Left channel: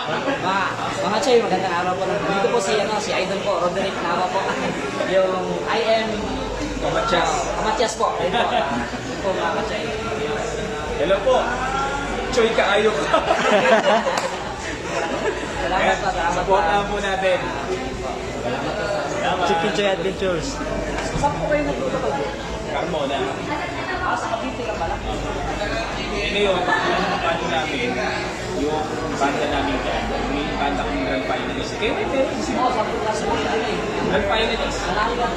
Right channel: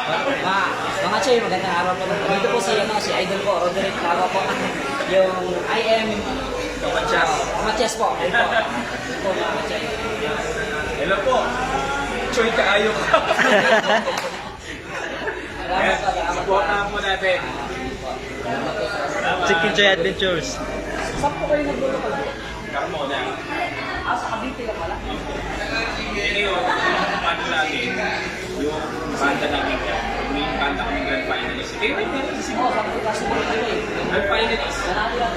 Mga Choy, magandang araw po. Dito po si idol ko, Roderick Naga po. Yung I am Kamatias po. Ayun po. Ayun po mga Choy. Hello po. Choy kaayo ko. Salamat po. Supportahan po natin. Salamat po. Chicken Joy Adventures. Saan po kayo nagtutupad po? Carmona. Sa Cavite ka pala? Ngayon, yung banda namin, yung banda namin dyan, may banda kami Grand Finalist. Kayo rin meron kasi Oo, sa kasi po kayo eh. Grand Finalist. Nanalo yan.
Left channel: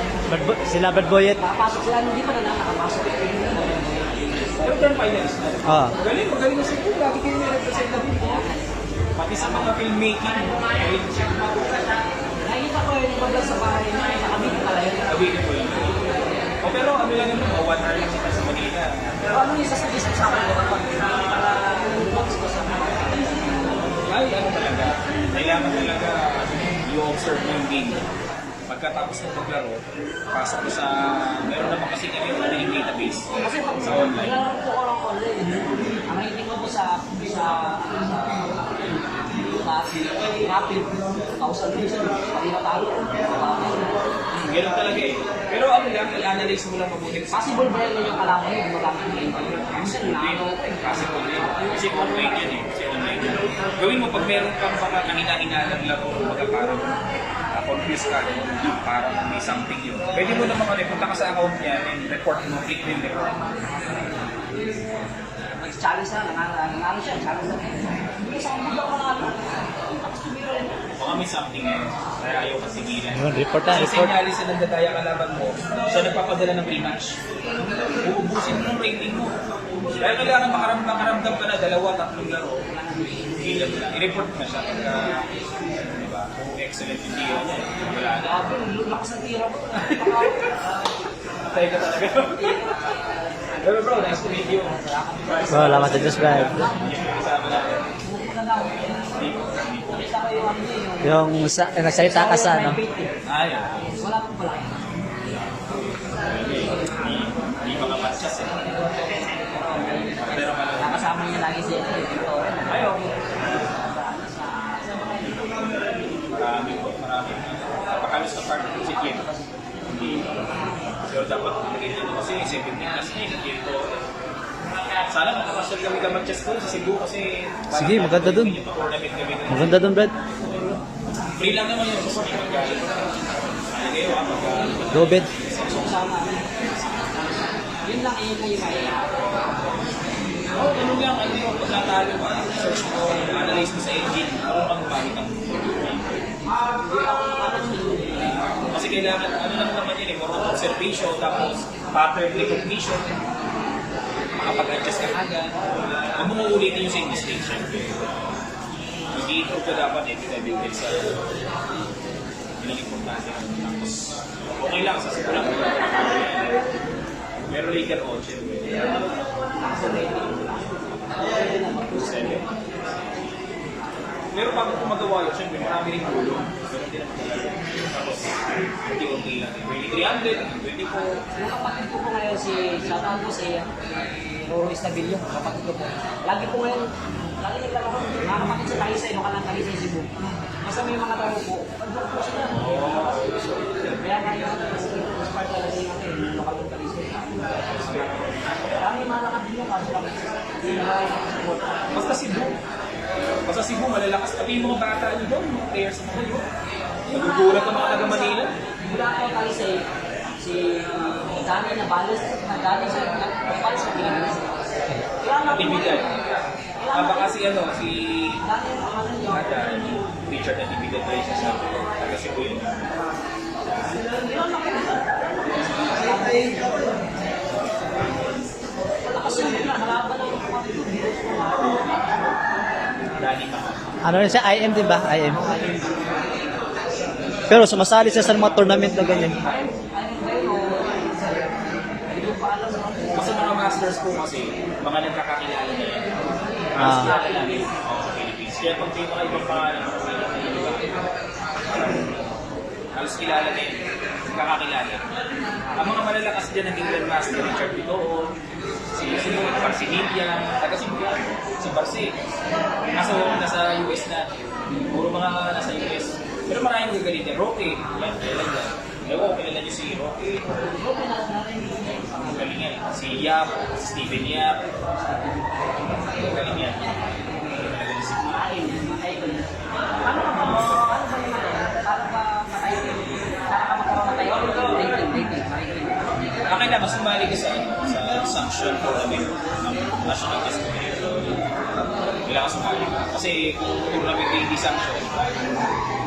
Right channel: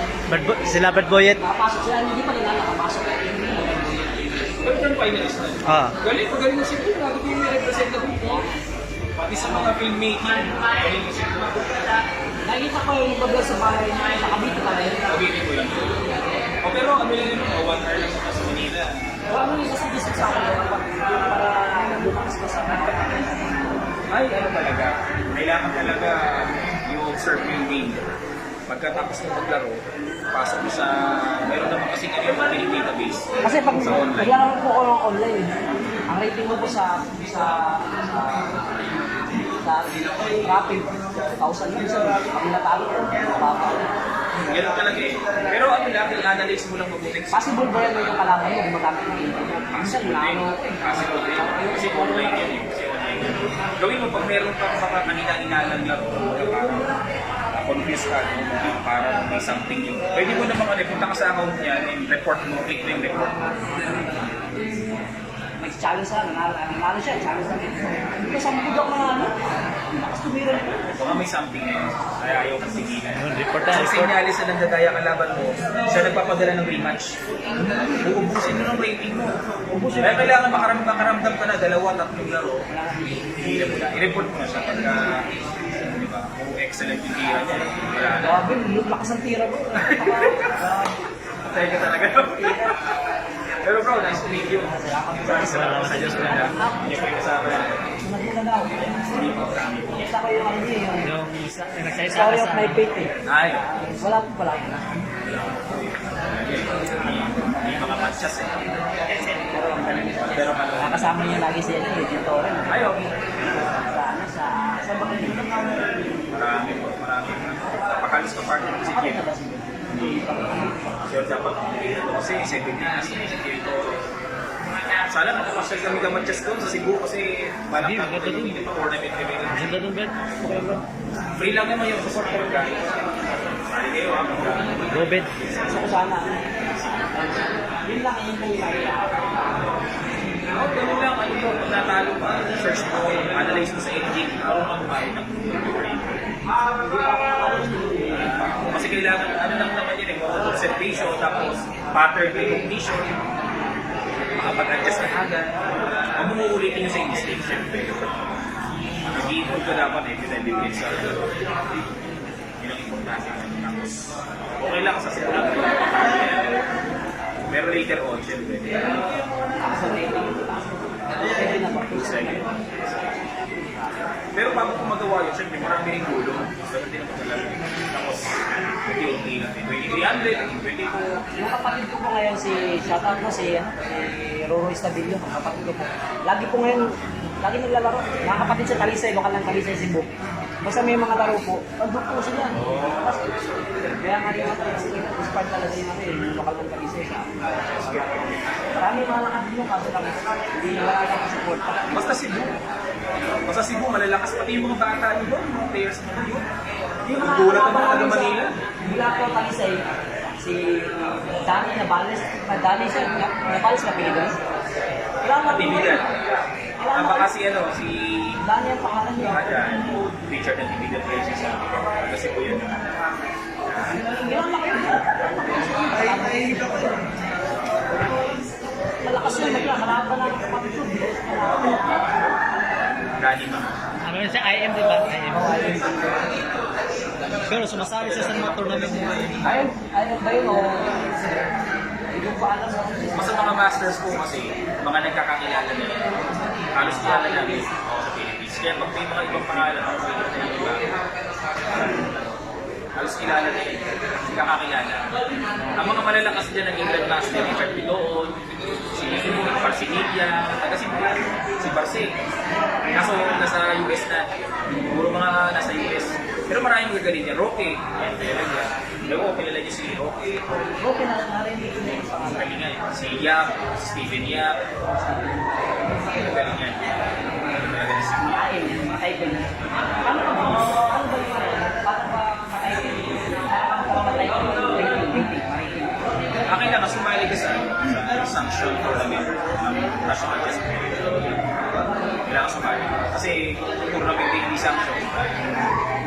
Sila Bad Boyet. Nakapasok sila, hindi pa nila nakapasok. Pero Grand Finalist na. Ah. Magaling na siguro. Lagi kayo may represent na dito. Pati sa mga filmmaking, magaling na siguro. Nakikita ko yung iba sa bahay na sa Cavite pala yun. Sabihin ko lang. O pero ano lang yun, 1 hour lang sa Manila. Pero ano yung sasuggest sa akin kapag para lumakas pa sa mga Ay, ano talaga, kailangan talaga yung observe mo yung game. Pagkatapos mo maglaro, pasok mo sa, meron naman kasi na yung training database kasi pag sa online. naglalaro po ako ng online, ang rating mo po sa rapid, 1,000 yun siya. Pag natalo ko, mababa. Ganun talaga eh. Pero ano lang, i-analyze mo lang mabuti. Possible ba yan yung kalaban mo gumagamit ng internet? Minsan na ano, Possible din. Kasi online yan eh. Kasi online yan. Gawin mo pag meron kang baka kanina-inalang laro, baga parang confused ka, no? Parang may something yun. Pwede mo naman punta ka sa account niya and report mo, click mo yung report mo. nag-challenge na, nanalo siya, challenge na. Hindi sa mga budyak manalo. Tapos tumira niya. Baka may something eh. Kaya ayaw kang tigilan. Yun, report na, Kasi report. sinyalis na nagdadaya kalaban mo, siya nagpapadala ng rematch. Uubusin mo ng rating mo. Kaya kailangan makaramdam ka na 2-3 laro. Hila mo na. I-report mo na siya pagka, di ba, kung excellent yung tira niya. Wala na. Grabe, lakas ng tira mo. Patay ka talaga. Pero bro, nice to meet you. Salamat sa Diyos, bro. Yung may kasama natin. Hindi po. Kita ko yung ano niya, Yung nagsalita ka sa ano. private eh. Ay. Wala po pala. Hindi makamatchas eh. Pero kalawang. Kasama niya lagi siya dito rin. Ay, okay. Sa bakit dito? Marami po, marami. Napakalos na partner si Clint. Hindi. Pero dapat hindi na kasi 7 minutes na si Clint ko. Sana makapasyal kami kamatchas doon sa Cebu kasi Sige, maganda dun. Tournament kami doon. Maganda doon, Brad. Free lang naman yung support ko guys. Sali kayo ha, Go, Bed. Gusto ko sana. Yun lang yung may oh, ganun lang, ano mo, pag natalo ka, search mo, analyze mo sa engine, araw ka mabahit ng kasi kailangan, ano lang naman yun eh, more on observation, tapos pattern recognition, makapag-adjust ka agad, huwag mo uulitin yung same mistake, syempre. Nag-i-improve ka dapat every time you get sa yun ang importante. Tapos, okay lang, sa simulang ka lang, pero later on, syempre, pero bago ko magawa yun, syempre marami rin gulong. So, hindi naman talaga. Tapos, unti-unti lang. 2,300, naging 24. Yung kapatid ko po ngayon, shoutout po si Roro Estabillo, kapatid ko po. Lagi po ngayon, lagi naglalaro. Mga kapatid sa Talisay, baka lang Talisay Cebu. Basta may mga laro po, pag-book po sila. Kaya nga yung part talaga yung yung lokal ng Talisay sa marami mga nakatid yung kaso lang, hindi nila support. Basta Cebu, malalakas pati yung mga bata nyo doon, mga players sa Manila. Nagugulat ang mga taga Manila. Mula po Talisay, si Dani Nabales, Dani siya, Nabales na Pilipinas. Natibigan. Baka si Dani ang pangalan niya. Adan, Richard Natibigan rin siya sa akin. Taga Cebu yun. Yun lang yun. Malakas yun, kalaban ng kapatid ko. Dani pa. Ano na siya? IM, di ba? IM. Pero sumasali siya sa mga tournament na ganyan. Ayun ba yun o? Hindi ko pa alam. Mas sa mga masters po kasi, mga nagkakakilala na yan. Halos kilala namin sa Philippines. Kaya pag may mga ibang pangalan, ako yung iba. Halos kilala na yun. Kakakilala. Ang mga malalakas dyan naging Grandmaster, Richard Piloon, si Parfinilia, taga Cebu, si Barce. Kaso nasa US na, puro mga nasa US. Pero maraming magagaling yan. Roque, yan, kilala dyan. Ewan ko, kilala niyo si Roque. Okay na narinig niya yung pangalan. Magaling yan. Si Yap, si Steven Yap. Magaling yan. Magaling si Makain, makain ko na. Ano ba yung para ba matay ko? Para ka makamatay ko? Rating. akin lang, sumali ka sa sanction tournament ng National Chess Federation. Kailangan sumali ka. Kasi kung tournament na hindi sanction,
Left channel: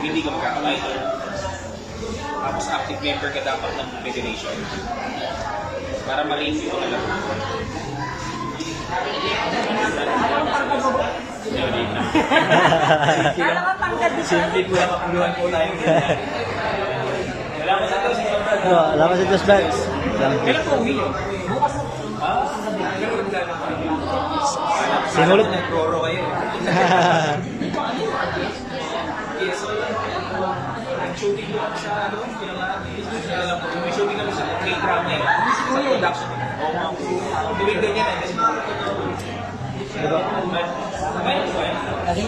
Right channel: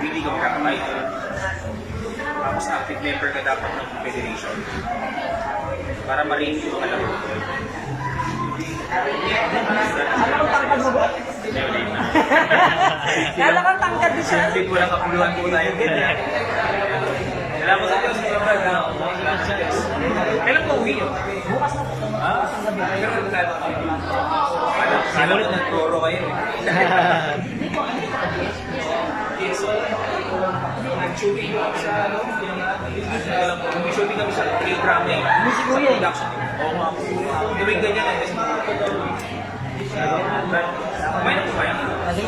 hindi ka magkakatitle. Tapos active member ka dapat ng federation. Para ma-review ka lang. Alam mo pang mo ba? Kala ka tangkad di siya. Hindi ko lang kapuluhan po tayo ganyan. Salamat sa Diyos. Alam mo sa Diyos ba? Kailan po uwi? Bukas na po. Ah, kailan tayo Kala ko nag-roro kayo. Hindi ko ano yung mag-guess. Yes, so, nag-shooting ko kami sa, alam ko, may shooting kami sa K-drama eh. Sa production. Oo nga po. Tuwing ganyan eh. May na po kayo? Kasi